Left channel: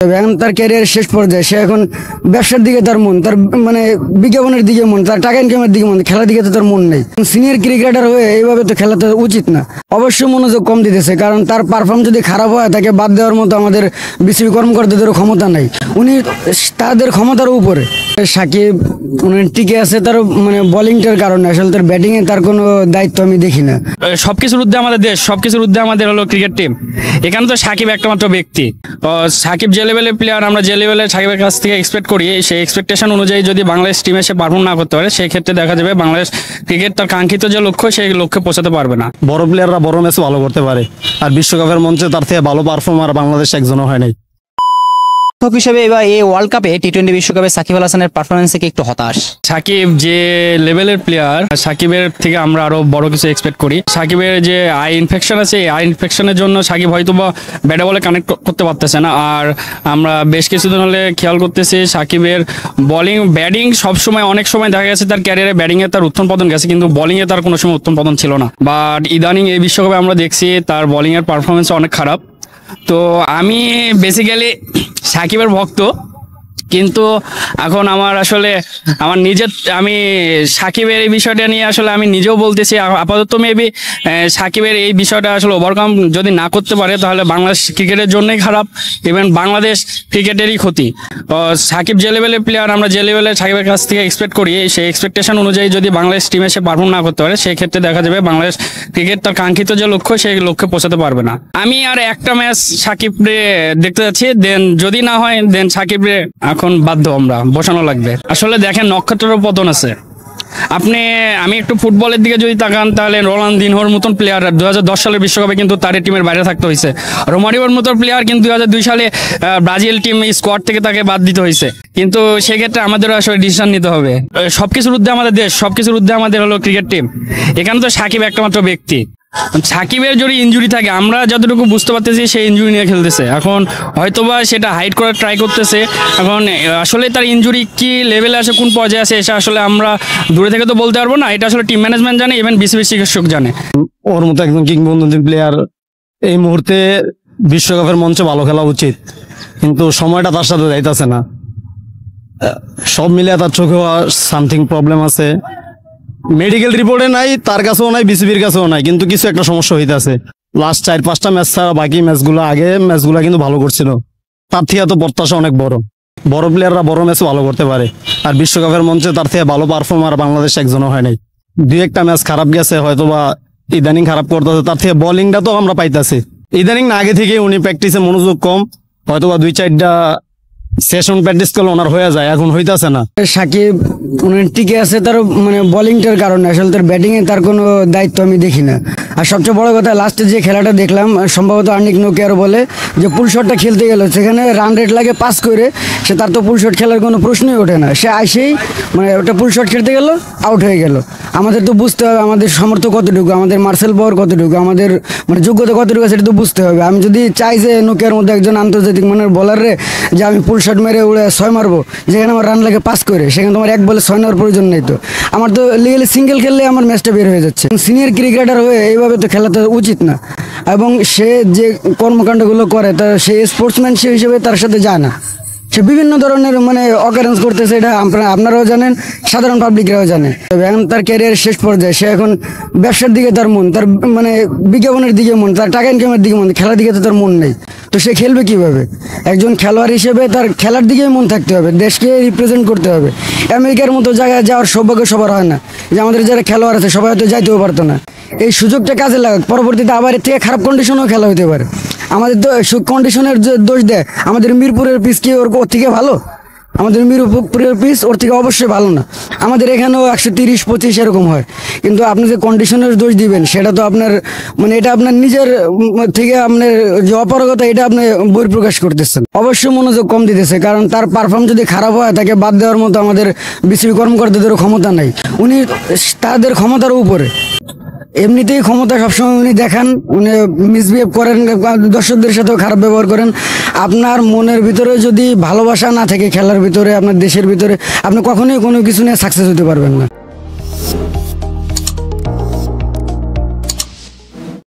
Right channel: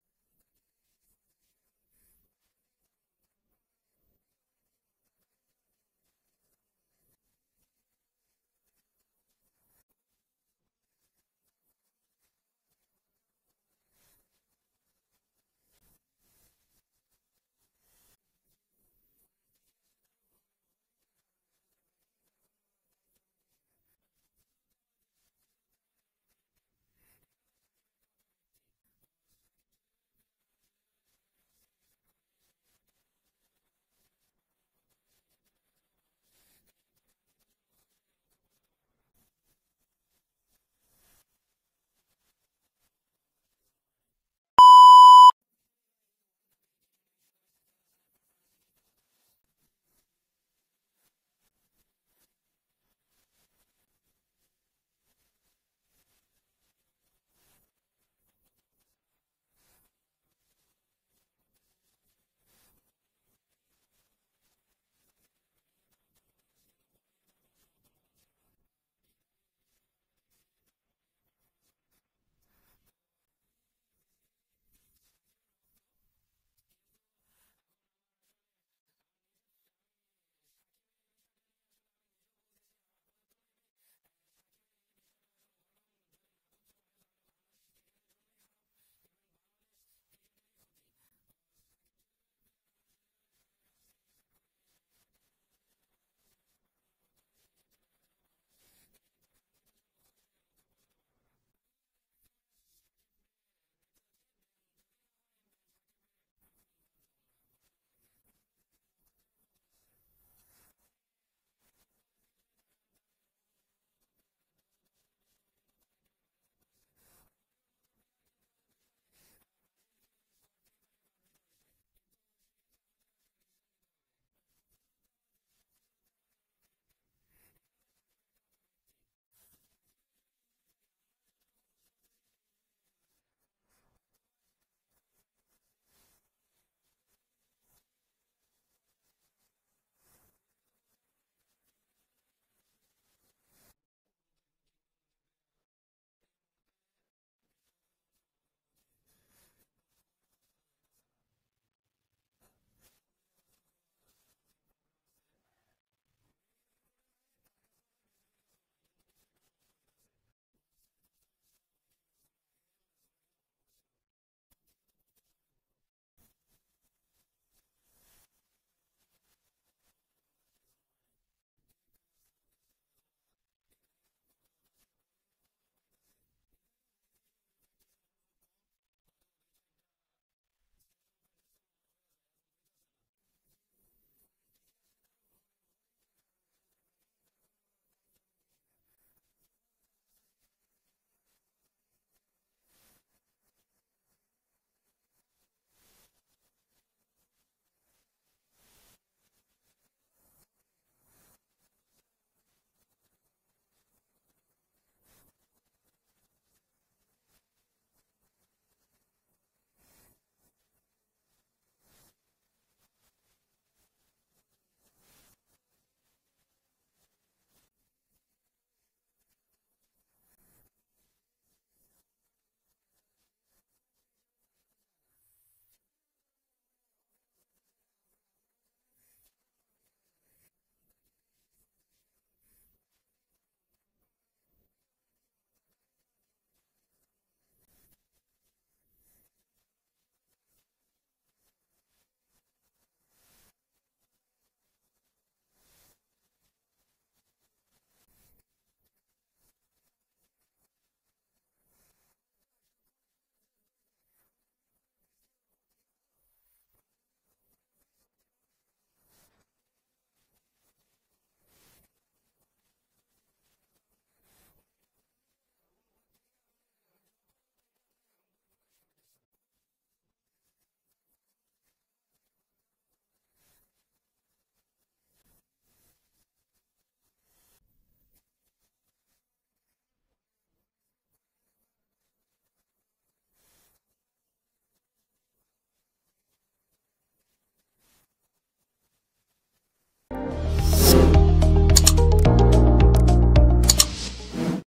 এখন তার ক্যারিয়ারের শেষ পর্যায়ে সে এখন ব্যবসার দিকে তার মন, তার মানে বিজ্ঞাপনের দিকে মন, তার টাকা ইনকামের দিকে মন, খেলার দিকে তো তার মন নেই। সিনিয়র ক্রিকেটার হয়ে এইভাবে তো খেলা তো উচিত না। অবশ্যই মনোযোগ কম দিতেছে, কারণ তার পারফর্ম যদি খারাপ হয় তাকে বাদ দেওয়ার মতো আমাদের বিসিবি কর্মকর্তাদেরও ক্ষমতা নাই, উনি তাদের ক্ষমতার উপরে। সাকিব টিকে আছে তার মানে বোলিংটার কারণে, আসলে তার ব্যাটিংয়ে তার কোনো দায়িত্ব আমি দেখি না। সবকিছুর ঊর্ধ্বে আমাদের দেশ, সবকিছুর ঊর্ধ্বে আমাদের হলো ক্রিকেট টিম। এখানে তো সাকিব একটা মাত্র ব্যক্তি। সাকিব যে লেভেলের প্লেয়ার, আমরা যে লেভেলে সাকিবের কাছ থেকে এক্সপেক্ট করি, সেই এক্সপেকটেশন অনুযায়ী যদি বাংলাদেশ টিমে সে পারফর্ম না করতে পারে, সেই ক্ষেত্রে দেখা যাবে বাংলাদেশ ক্রিকেট তার কাঙ্ক্ষিত যে লক্ষ্য, সেই লক্ষ্যে পৌঁছাতে পারবে না। বড় প্লেয়াররা বড় ম্যাচ ভালো করতে পারে, আর বিশ্বকাপের মঞ্চে তার থেকে ভালো পারফর্মার বাংলাদেশ একজনও হয় নাই। হিসেবে এবার এই ওয়ার্ল্ড কাপে টি-20 বিশ্বকাপে সাকিব আল হাসানের পারফরমেন্সে কি একটু হতাশ? সাকিব যে লেভেলের প্লেয়ার, সাকিবের থেকে আমরা আরো বড় কিছু এক্সপেক্ট করি। সাকিবের যে আই ইনফেকশন আছে, এই আই ইনফেকশনের জন্য সাকিব হয়তো বা ব্যাটে বলে কানেক্ট করতে পারতেছে না। আর আমরা বেশ কিছুদিন হলে খেয়াল করতেছি সাকিবের বোলিং ব্যাটিং সবসময়, অনেক সময় দেখা গেছে তার ক্যারিয়ারে ব্যাটিংয়ে তার উত্থান পতন গেছে, কিন্তু বোলিংয়ে তার কোনো সময় উত্থান পতন ছিল না। বাট ইদানিং এই বিশ্বকাপে আমরা দেখছি তার বোলিংয়ের পারফরমেন্স অনেক খারাপ। তো আমি বেসিক্যালি সাকিবের ভক্ত, কিন্তু এখন আমার আসলে আমি সাকিবের এই বিষয়টা নিয়ে আসলে আমি নিজেও বলতেছি, আপাতত মেবি সাকিবের এই বিষয়টা আসলে ওভারকাম যদি না করতে পারে তাহলে বাংলাদেশ ক্রিকেটের জন্যই খারাপ, ইভেন বাংলাদেশ ক্রিকেটেরই ক্ষতি। সাকিব যে লেভেলের প্লেয়ার, আমরা যে লেভেলে সাকিবের কাছ থেকে এক্সপেক্ট করি, সেই এক্সপেকটেশন অনুযায়ী যদি বাংলাদেশ টিমে সে পারফর্ম না করতে পারে, সেই ক্ষেত্রে দেখা যাবে বাংলাদেশ ক্রিকেট তার কাঙ্ক্ষিত যে লক্ষ্য, সেই লক্ষ্যে পৌঁছাতে পারবে না। আমি আর একটা ম্যাচ সাকিবরে দেখতে যাচ্ছি, দেন যদি না হয় দেন সাকিবরে এখন বাধ্য আমরা বসানো লাগবে। আসলে দেখেন, নক্ষত্রের পতন আছে। আমি একটু ফুটবলের দিকে যদি তাকান, তাহলে রোনালদিনহোর মতন প্লেয়ার 2010 সালের বিশ্বকাপে কিন্তু তার টিমের বাইরে থাকতে হয়েছে। রোমারিওর মতো প্লেয়ার কিন্তু 2002 সালে ব্রাজিল টিম স্কোয়াড থেকে তাকে বাদ দিতে হয়েছে। কিন্তু সেক্ষেত্রে আমাদেরও আসলে ডিসিশন নিতে হবে। সবকিছুর ঊর্ধ্বে আমাদের দেশ, সবকিছুর ঊর্ধ্বে আমাদের হলো ক্রিকেট টিম। এখানে তো সাকিব একটা মাত্র ব্যক্তি। সাকিবের যদি ইনজুরি থাকে, আমরা যতটুকু বুঝতে পারতেছি সেই ইনজুরি নিয়ে খেলতেছে। এখন হয়তোবা সেটা হাইড করার ট্রাই করতেছে। এখন আসলে তার ইনজুরি কি লেভেলে আছে, কোন পর্যায়ে আছে, এটা আসলে আমরা দূরে থেকে তো বলতে পারবো না। এটা আসলে টিম ম্যানেজমেন্ট জানে, ইভেন বিসিবি চিকিৎসক জানে। ওর মতো একজন কিংবদন্তি প্লেয়ার এই মুহূর্তে বিশ্বকাপের মঞ্চে ভালো খেলা উচিত, কিন্তু সময়টা তার সাথে যাইতেছে না। সব মিলিয়ে তার চোখেও সামথিং প্রবলেম আছে। মেডিকেল রিপোর্টে নাই, তার কাছেও নাই, বিসিবির কাছেও নাই, কিন্তু কিছু একটা সমস্যা হইতেছে। লাস্ট 4-5টা ম্যাচ ছাড়া বাকি ম্যাচগুলো কিন্তু ভালো করছিল। তার থেকে তো প্রত্যাশা অনেক বড়। বড় প্লেয়াররা বড় ম্যাচ ভালো করতে পারে, আর বিশ্বকাপের মঞ্চে তার থেকে ভালো পারফর্মার বাংলাদেশ একজনও হয় নাই। 2-1টা ম্যাচ খারাপ গেছে, হয়তোবা ইদানিং খারাপ করতেছে। তার থেকে বোলিংটা তো আমরা পাইতেছি ইদানিং না, আগে থেকে উনি প্র্যাকটিসে মনোযোগ কম, হয়তোবা 2-4টা সেশন প্র্যাকটিস করলে ওনার হয়ে যায়, এখন হইতাছে না। সাকিব টিকে আছে তার মানে বোলিংটার কারণে, আসলে তার ব্যাটিংয়ে তার কোনো দায়িত্ব আমি দেখি না। আর সবচেয়ে বড় কথা, লাস্টে যে খেলাটা দেখলাম, সম্ভবত আর্নিক নোকিয়ার বলে যে পুল শটটা খেলতে গেল, সেখানে রান রেট লাগে 5 করে, তার তো পুল শট খেলার কোনো প্রশ্নই ওঠে না। সে আসেই মানে ওটা পুল শট খেলতে গেল, আউট হয়ে গেল। আমাদের তো বুঝতে হবে আমাদের সামর্থ্য কতটুকু, আমাদের মার্সেল পাওয়ার কতটুকু, আমাদের মানে যোগ্যতা কতটুকু, সেটা তো বুঝতে হবে। আমি যদি চাই যে নোকিয়ার মধ্যে একজন আন্তর্জাতিক মানের বলারে যে আমি পুল শট মেরে উড়ে 6 মারবো, যেখানে আমার রান লাগে 5 করে, সেখানে তোমার 1 বলে 6 নেওয়ার প্রয়োজন নেই। তো আমার তো লিগালি সিঙ্গেল খেললে আমার ম্যাচটা বের হয়ে যাচ্ছে। সিনিয়র ক্রিকেটার হয়ে এইভাবে তো খেলা তো উচিত না, এবং সে যে কর্মকাণ্ডগুলো করে তার সে স্পোর্টসম্যানশিপ হিসেবে তার সাথে যায় না। সে বিভিন্ন ধরনের মানে অকারেন্স করতেছে, এটা আপনারাও জানেন, সাধারণ পাবলিকরাও জানে। এখন তার ক্যারিয়ারের শেষ পর্যায়ে সে এখন ব্যবসার দিকে তার মন, তার মানে বিজ্ঞাপনের দিকে মন, তার টাকা ইনকামের দিকে মন, খেলার দিকে তো তার মন নেই। তো সে খেলবে কিভাবে? একজন খেলোয়াড় হিসেবে তার খেলার দিকেই মন থাকতে হবে, দেশকে রিপ্রেজেন্ট করতে হবে। আমেরিকার মতো জায়গায় যাওয়ার সৌভাগ্য সবার হয় না, যে আমাদের যারা খেলোয়াড় আছে সবাই হয়তো যাইতেও পারতো না। এই সুযোগটা কাজে লাগাক, পরবর্তীতে আবার এর থেকে খারাপ কন্ডিশনেও খেলা হতে পারে। আমাদের তো কন্ডিশনের যে দোষ দেয়, আমাদের মিরপুরের পিচ কি ওর থেকে ভালো? আমাদের মিরপুরের পিচ ওর থেকে অবশ্যই ভালো না। আমাদের এখানেও 130-25 এরকম হয়, কিন্তু আপনি যে কন্ডিশনের দোষ দিবেন, সেটা তো আপনার মানে এটা আপনার নিজের থেকে আপনার যে অপারগতা, এটা আপনি বহিঃপ্রকাশ করতেছেন। অবশ্যই মনোযোগ কম দিতেছে, কারণ তার পারফর্ম যদি খারাপ হয় তাকে বাদ দেওয়ার মতো আমাদের বিসিবি কর্মকর্তাদেরও ক্ষমতা নাই, উনি তাদের ক্ষমতার উপরে। এমনিতেই ক্ষমতা সবসময় উনি দেখান, উনি মিসবিহেভ করেন, দর্শকদের সাথেও খারাপ ব্যবহার করেন। আপনার মনের ভিতরে যদি ভালোবাসা না থাকে খেলার ভিতরে, আপনার দেশের ভিতরে, আপনি কখনোই কোনো কিছু নিয়ে সাকসেস হতে পারবেন না।